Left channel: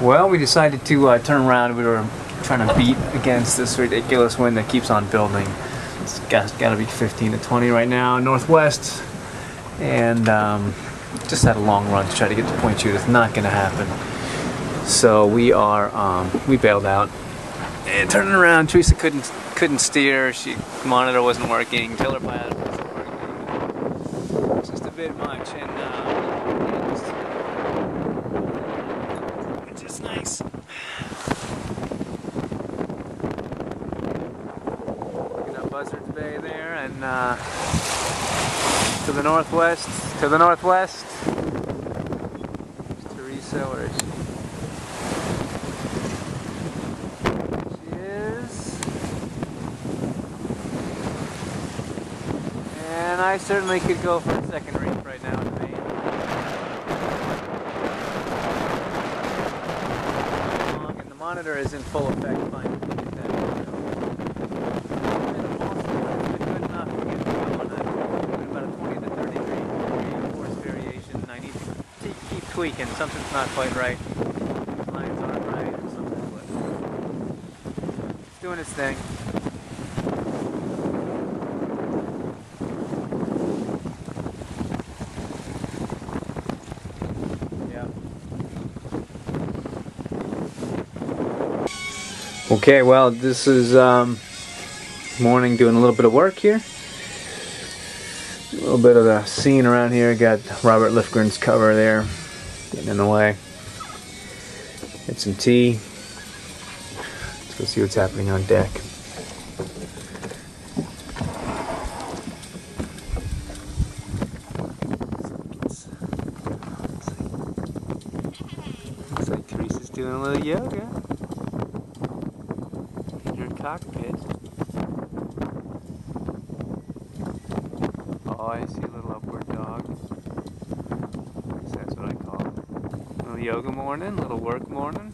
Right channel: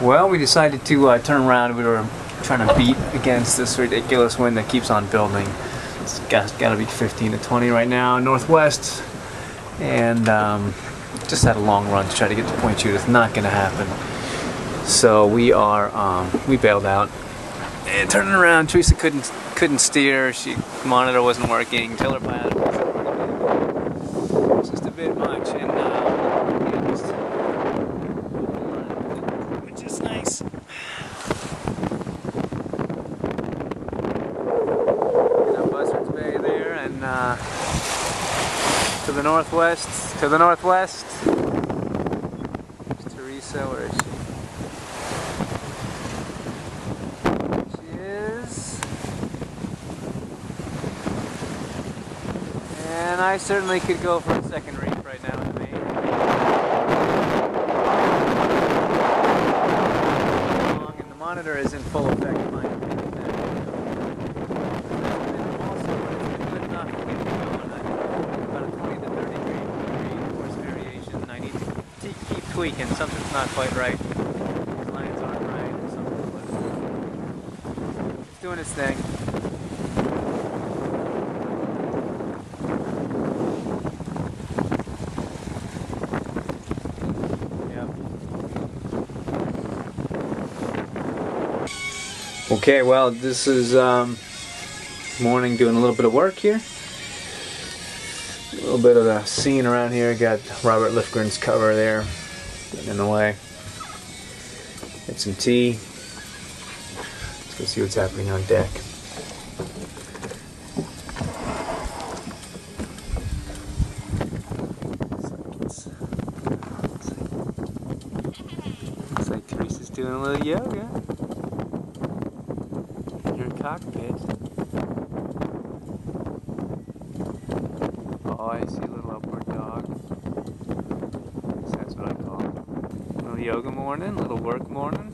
Well, we decided to turn around. We were trying to beat against this ridiculous wind that keeps on building. It's got to be 15 to 20 right now, northwest, and just had a long run to try to get to Point Judith. Not going to happen. So we bailed out and turning around. Teresa couldn't steer. Monitor wasn't working. Tiller pilot wasn't working. It's just a bit much, and which is nice. Looking up Buzzards Bay there, and to the northwest. There's Teresa. Where is she? And I certainly could go for a second reef right now in the main. And the monitor is in full effect trying to get that video. And also, it's been good enough to get me going. I'm about a 20 to 30 degree course variation. I need to keep tweaking. Something's not quite right. These lines aren't right or something, but it's doing its thing. Okay, well, this is morning, doing a little bit of work here. A little bit of the scene around here. Got Robert Lifgren's cover there, getting in the way. Get some tea. Let's go see what's happening on deck. Looks like Teresa's doing a little yoga. Cockpit. Oh, I see a little upward dog. I guess that's what I call it. Little yoga morning, little work morning.